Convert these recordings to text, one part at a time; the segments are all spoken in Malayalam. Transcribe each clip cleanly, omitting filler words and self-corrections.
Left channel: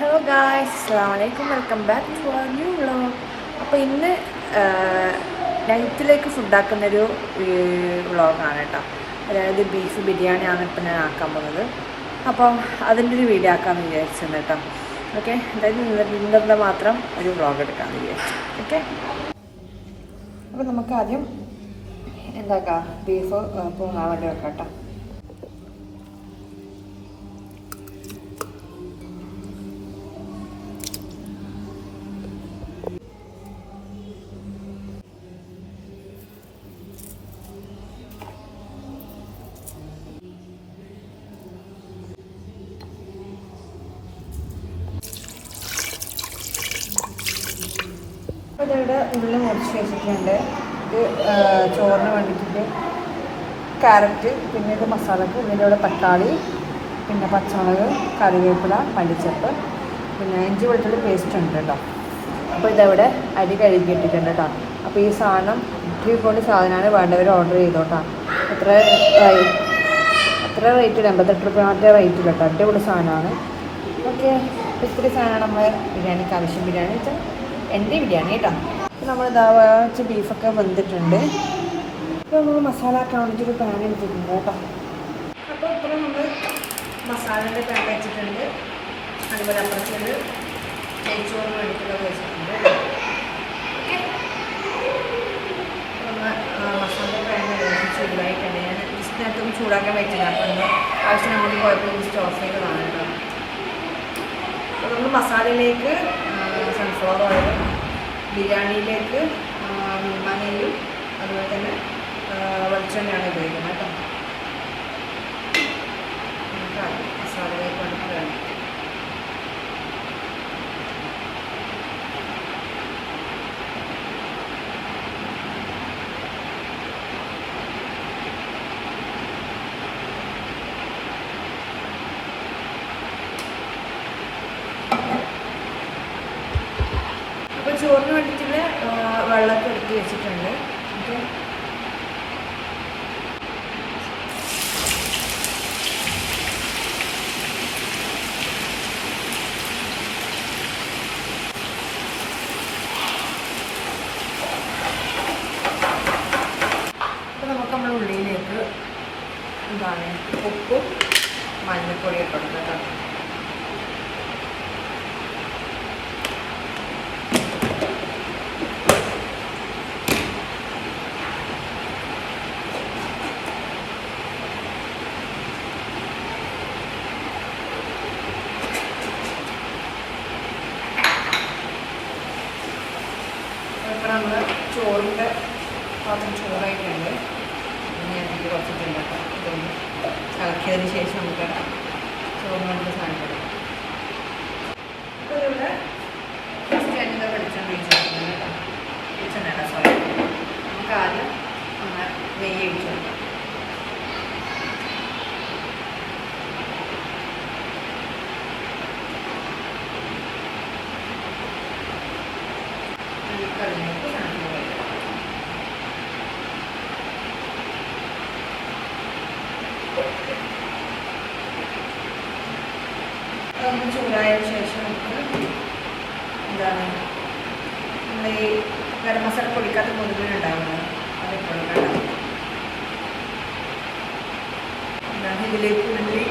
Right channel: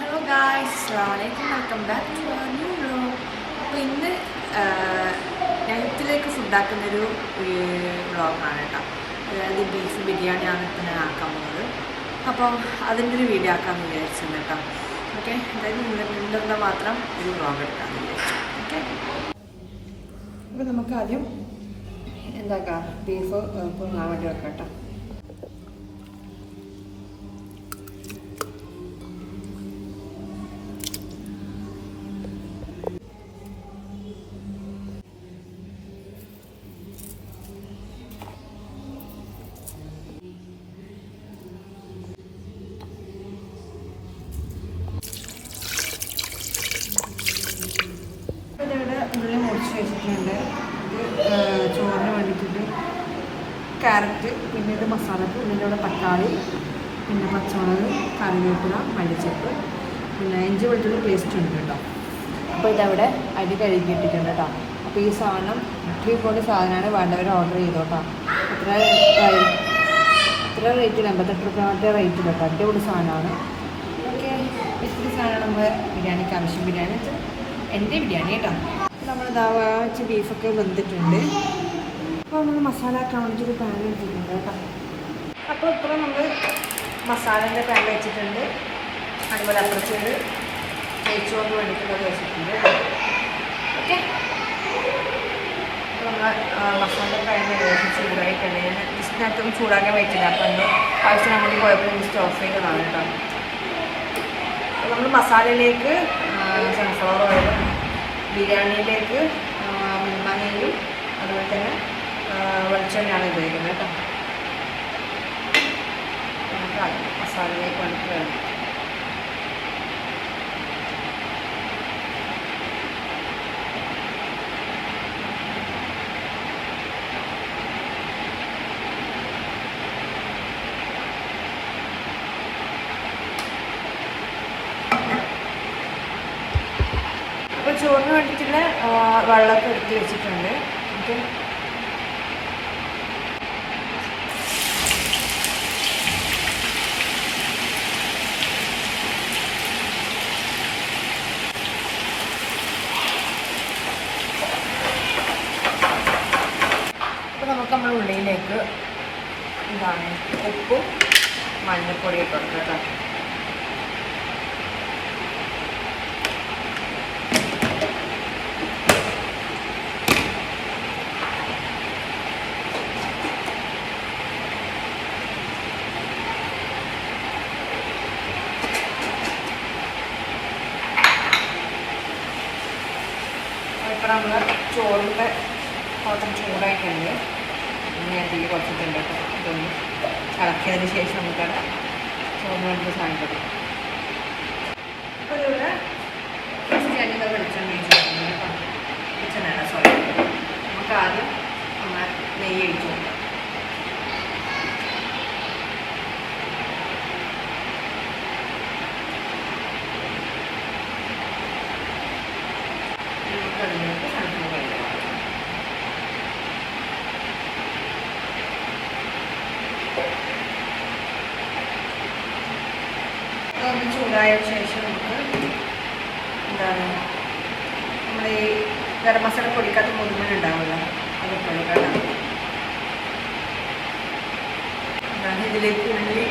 ഹലോ ഗായ്സ്, അസ്സലാമു അലൈക്കും. Welcome back to our new vlog. അപ്പോൾ ഇന്ന് നൈറ്റിലേക്ക് ഫുഡാക്കുന്നൊരു വ്ളോഗാണ് കേട്ടോ. അതായത് ബീഫ് ബിരിയാണിയാണ് ഇപ്പോൾ ഞാൻ ആക്കാൻ പോകുന്നത്. അപ്പം അതിൻ്റെ ഒരു വീഡിയോ ആക്കാമെന്ന് വിചാരിച്ചത് കേട്ടോ. ഓക്കെ, അതായത് ഇന്നത്തെ മാത്രം ഒരു വ്ളോഗ് എടുക്കാമെന്ന് വിചാരിച്ചു. ഓക്കെ, അപ്പോൾ നമുക്ക് ആദ്യം എന്താക്കാം, ബീഫ് പൊങ്ങാൻ വേണ്ടി വെക്കാം കേട്ടോ. ഇവിടെ ഉള്ളി മുറിച്ച് വെച്ചിട്ടുണ്ട്. ഇത് ചോറിന് വേണ്ടിയിട്ട് ക്യാരറ്റ്, പിന്നെ ഇത് മസാലക്ക്, പിന്നെ ഇവിടെ തക്കാളി, പിന്നെ പച്ചമുളക്, കറിവേപ്പില, മല്ലിച്ചപ്പ്, പിന്നെ ഇഞ്ചി വെളുത്തുള്ളി പേസ്റ്റ് ഉണ്ട് കേട്ടോ. അപ്പോൾ ഇതവിടെ അരി കഴുകിയിട്ടിട്ടുണ്ട് കേട്ടോ. അപ്പോൾ ഈ സാധനം കൊണ്ട് സാധനമാണ് വേണ്ടവർ ഓർഡർ ചെയ്തോട്ടോ. എത്ര റേറ്റ്? 88 രൂപ റേറ്റ് കേട്ടോ. അടിപൊളി സാധനമാണ്. ഓക്കെ, ഇത്തിരി സാധനമാണ് നമ്മുടെ ബിരിയാണിക്ക് ആവശ്യം. ബിരിയാണി വെച്ചാൽ എൻ്റെ ബിരിയാണി കേട്ടോ. നമ്മൾ വെച്ച് ബീഫൊക്കെ വെന്തിട്ടുണ്ട്. അപ്പോൾ നമ്മൾ മസാല ആക്കാൻ വേണ്ടിയിട്ട് പാൻ എടുത്തിട്ടുണ്ട് കേട്ടോ. അപ്പോൾ ഇപ്പോൾ നമ്മൾ മസാലേൻ്റെ പാൻ വെച്ചിട്ടുണ്ട്. അതുപോലെ അപ്പുറത്തേക്ക് നെയ്ച്ചോറിന് വേണ്ടിയിട്ടുള്ളത് വെച്ചിട്ടുണ്ട്. ഓക്കെ, അപ്പോൾ നമ്മൾ മസാല പാൻ ചൂടായിട്ടുണ്ട്. ഞാൻ ഇതിനകത്തൊന്നും ചൂടാക്കാൻ പറ്റില്ല. അപ്പോൾ നമ്മൾ ആവശ്യം നമുക്ക് കുഴപ്പമില്ല, സ്റ്റോഫ് ചെയ്തതാണ് കേട്ടോ. അപ്പോൾ നമ്മൾ മസാലയിലേക്ക് സൺഫ്ലവർ ഓയിലും, ബിരിയാണിയിലേക്ക് മഞ്ഞളും, അതുപോലെ തന്നെ വെളിച്ചെണ്ണയാണ് ഉപയോഗിക്കുന്നത് കേട്ടോ. നമുക്ക് മസാലയിലേക്ക് വേണ്ടിയിട്ട് വേണം. അപ്പോൾ ചോറിന് വേണ്ടിയിട്ടുള്ള വെള്ളമൊക്കെ എടുത്ത് വെച്ചിട്ടുണ്ട്. ഓക്കെ, അപ്പോൾ നമുക്ക് നമ്മുടെ ഉള്ളിലേക്ക് എന്താണ് ഉപ്പും മഞ്ഞൾപ്പൊടി ഇട്ട് കൊടുക്കുക കേട്ടോ. നമ്മൾ ചോറിൻ്റെ പാത്രം ചൂടായിട്ടുണ്ട്. പിന്നെ അതിൽ കുറച്ചിട്ടുണ്ട്. ഇതൊന്ന് ഇളക്കിയതിന് ശേഷം നമുക്ക് ചോറിന് വേണ്ടി സാധനം. ഇപ്പോൾ ഇവിടെ ഫസ്റ്റ് വെളിച്ചെണ്ണ ഒഴിച്ചിട്ടുണ്ട് കേട്ടോ. വെളിച്ചെണ്ണ സോറി, നമുക്ക് ആദ്യം ഒന്ന് നെയ്യ് ഒഴിച്ചു കൊടുക്കാം. അതൊന്ന് ചൂടായതിനു ശേഷം നമുക്ക് എന്താണ് നമ്മൾ ഈ ഗരം മസാല പൊടിക്കാത്ത മുഴുവൻ ഉണ്ടാവുമല്ലോ, അതൊക്കെ ഉണ്ടാവും. എന്താണ് ഇതിലേക്ക് ഉള്ളി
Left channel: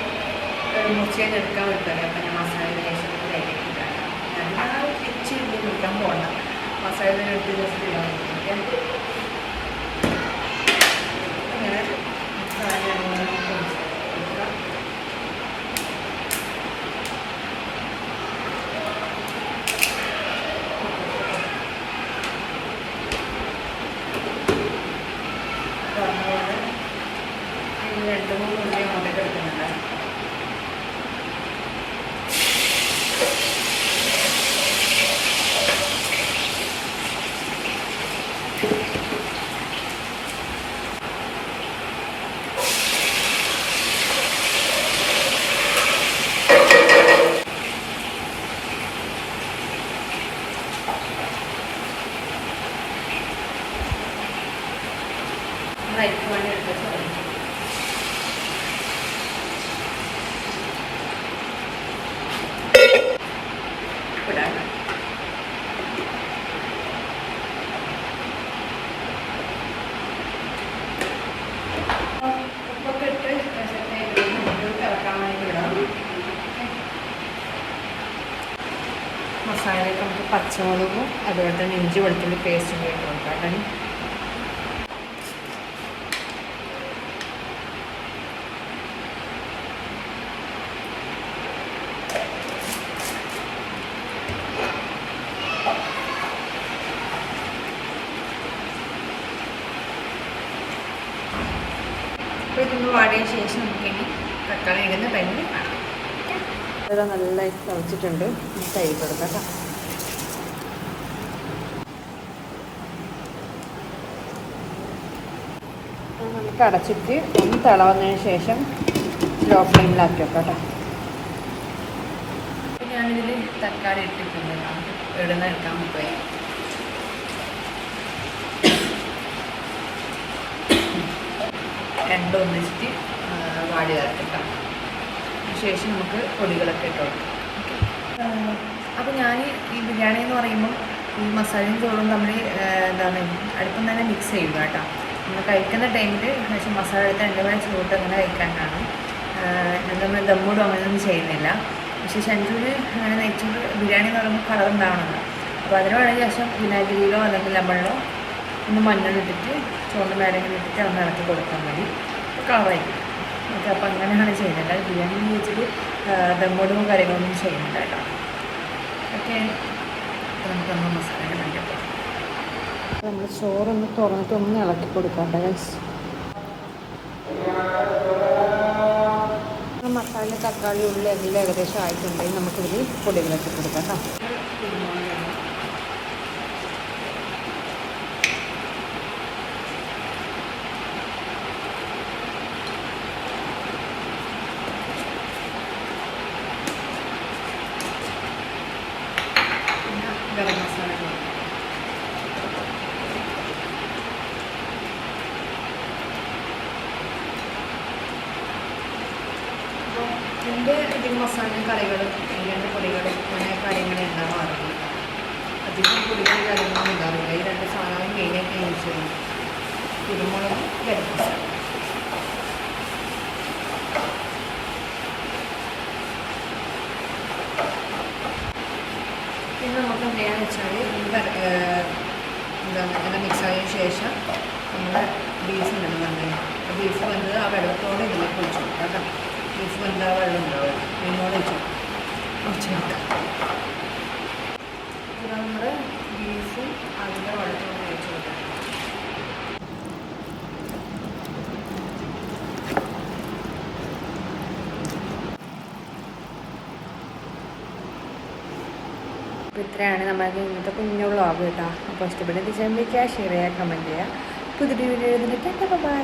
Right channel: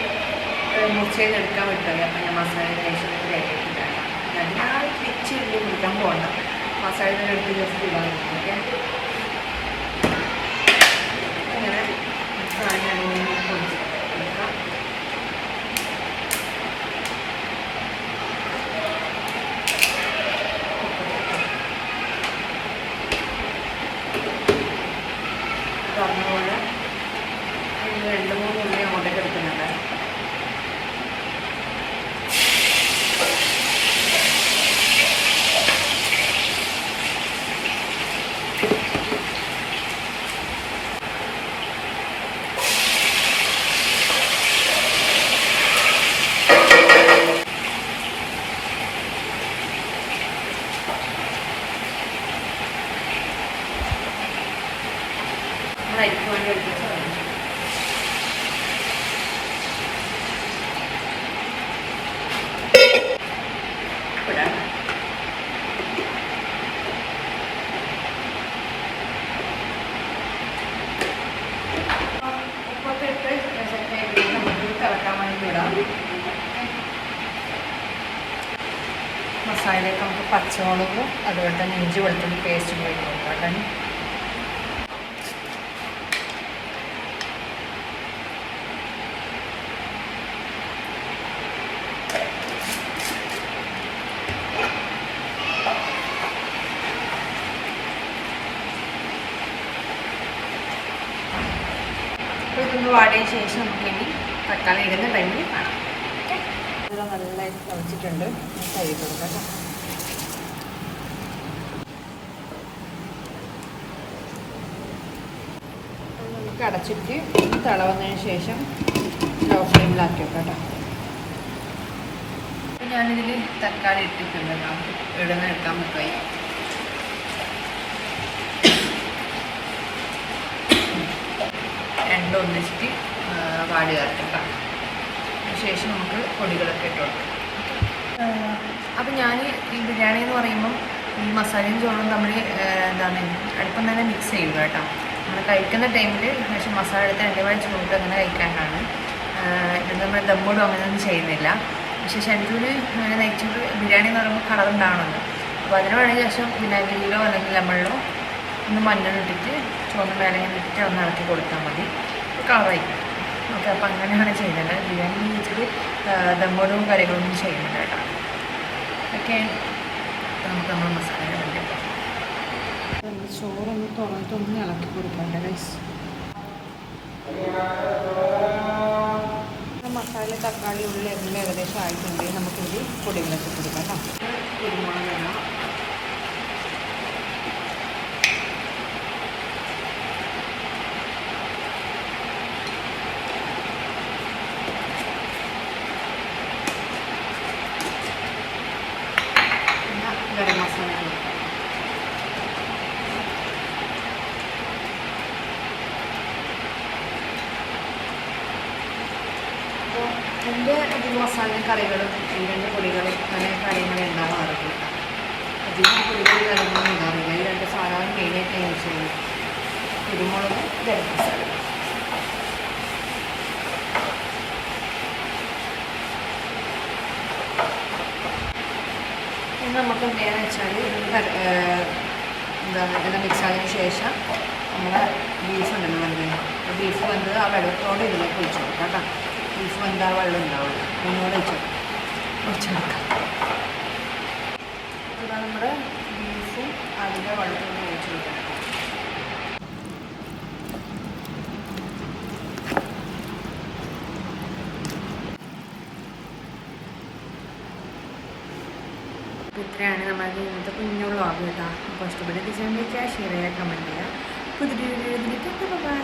മുറിച്ചതിന് എടുക്കാൻ വിട്ടത്. അപ്പം ഞാൻ മസാല കഴിച്ചിട്ട് തേക്കിയിട്ടാണ്. എല്ലാവരും തിരിച്ച് ഉള്ളി മുറിക്കാൻ പോകണ്ട, മസാല എടുത്ത് ജസ്റ്റ് ഇടാൻ പറ്റും. അങ്ങനെ സാധനം പൊടിച്ച് പറഞ്ഞ പോലെ 2-3 ഉള്ളി അങ്ങോട്ടേക്ക് എടുക്കുന്നുണ്ട്. മസാലയൊക്കെ നമുക്ക് പച്ചമുളകും അതുപോലെ തന്നെ ഇഞ്ചി വെളുത്തുള്ളി പേസ്റ്റും ഇട്ട് കൊടുക്കാം. ഇതൊന്ന് വാടിയ ശേഷം നമുക്കിനി തക്കാളി ഇടുന്ന ടൈമിൽ കാണാം. ഇത് നന്നായി കുഴച്ചിട്ടുണ്ട്. കൈ കൊടുക്കാം. നമുക്ക് അടച്ചിട്ട് ഒന്ന് തിളവന്നതിന് ശേഷം ലോ ഫ്ലെയിമിലാക്കി വെക്കാം. ഞാനിതിൽ തക്കാളി ഇട്ടിട്ടുണ്ട്. ഇടുന്ന എടുക്കാൻ പറ്റുമായി. രണ്ടും ഒന്നിച്ചിട്ട് വാടി ചേർക്കാം. ശേഷം നമുക്ക് പൊടികളൊക്കെ ഇട്ട് കൊടുക്കാം. അപ്പോൾ ഞാൻ ഈ ബിരിയാണി എന്ന് പറയുമ്പം ഈ മസാലയും ചോറും തമ്മിൽ എന്താണ് അടുപ്പം തന്നെ മിക്സ് ചെയ്യുക കേട്ടോ. നമ്മൾ കഴിക്കുന്ന ടൈമിൽ പക്ഷേ മസാല എടുത്ത് രണ്ടുപേരും ചോറിട്ട് അങ്ങനെ കഴിക്കാനാണ്. ഇത് നമ്മൾ ദമ്മോടും അങ്ങനെയൊന്നും ചെയ്യുന്നില്ല. പക്ഷേ ഷെൻജുവിന് അങ്ങനെ നെയ്ച്ചോറ് ബിരിയാണി എന്ന് പറയുമ്പോൾ കളർ ഉണ്ടാവണമെന്ന്. അപ്പോൾ അതിന് വേണമെങ്കിൽ ശേഷം വിനാഗിരിയിലോ അല്ലെങ്കിൽ ലെമണിലോ ഒന്ന് മഞ്ഞളിട്ടിട്ട് ചുവന്ന മേലങ്ങനെ ഇട്ടിട്ട് ഒന്ന് ഇളക്കി കൊടുത്താൽ മതി. കളറായി. ഓക്കെ, അപ്പോൾ അങ്ങനെയാണ് ചെയ്യുന്നത്. അല്ലാതെ ബിരിയാണി വെച്ചിട്ട് ദമ്മോടും കാര്യങ്ങളൊന്നും ചെയ്യുന്നില്ല കേട്ടോ. ഓക്കെ, അപ്പോൾ നമുക്ക് നമ്മൾ മസാല വേണ്ടിയപ്പോൾ നമ്മൾ ചോറൊന്ന് തുറന്നിട്ട് ഒന്ന് ഇളക്കി കൊടുക്കാം. മസാല തക്കാളി ഉള്ളിൽ എല്ലാം ഏകദേശം ആയിട്ടുണ്ടെങ്കിൽ നമുക്കിത് പൊടികളൊക്കെ കൊടുക്കാം കേട്ടോ. കുരുമുളക് ഗരം മസാല കൊടുക്കാം. അപ്പോൾ എൻ്റെ അധികം മസാലയും കറികളും എൻ്റെ പൊടികളും അങ്ങനെ കാര്യങ്ങൾ ഉണ്ടാകാറില്ല. അധികം പൊടികൾ കാര്യങ്ങളൊന്നും ഉണ്ടാവില്ല. ഈ രണ്ട് സാധനവും മെയിനായിട്ട് യൂസ് ചെയ്യുന്നത് കുരുമുളകും ഗരം മസാല. പിന്നെ നമുക്ക് എന്താണെന്ന് വെച്ചാൽ ഇതെല്ലാം മിക്സ് ആയതിനു ശേഷം നമ്മുടെ ബീഫ് ഉണ്ടല്ലോ വെന്തത്. ബീഫ് വെന്തത് ആ വെള്ളത്തോടെ ഇതിലേക്ക് ഒഴിച്ചു കൊടുക്കാം കേട്ടോ. ബീഫ് വെന്ത ആ വെള്ളം ഉണ്ടാവില്ല, അതിനോട് ഒഴിച്ചെടുക്കാം. ഇത് നമ്മുടെ ബീഫും അതിൻ്റെ വെള്ളത്തോടെ ഒഴിച്ചു കൊടുക്കാം. അപ്പോൾ ഇത്രയാണ് നമ്മുടെ ഇന്നത്തെ കുഞ്ഞു വ്ളോഗ് കേട്ടോ. അപ്പോൾ ഇഷ്ടപ്പെട്ട ഡിസൈൻ വെച്ചാൽ ഷെയർ ചെയ്യുക, കമൻറ്റ് ചെയ്യുക. പുതിയ വീഡിയോ എഴുതിയിട്ട് ബൈ.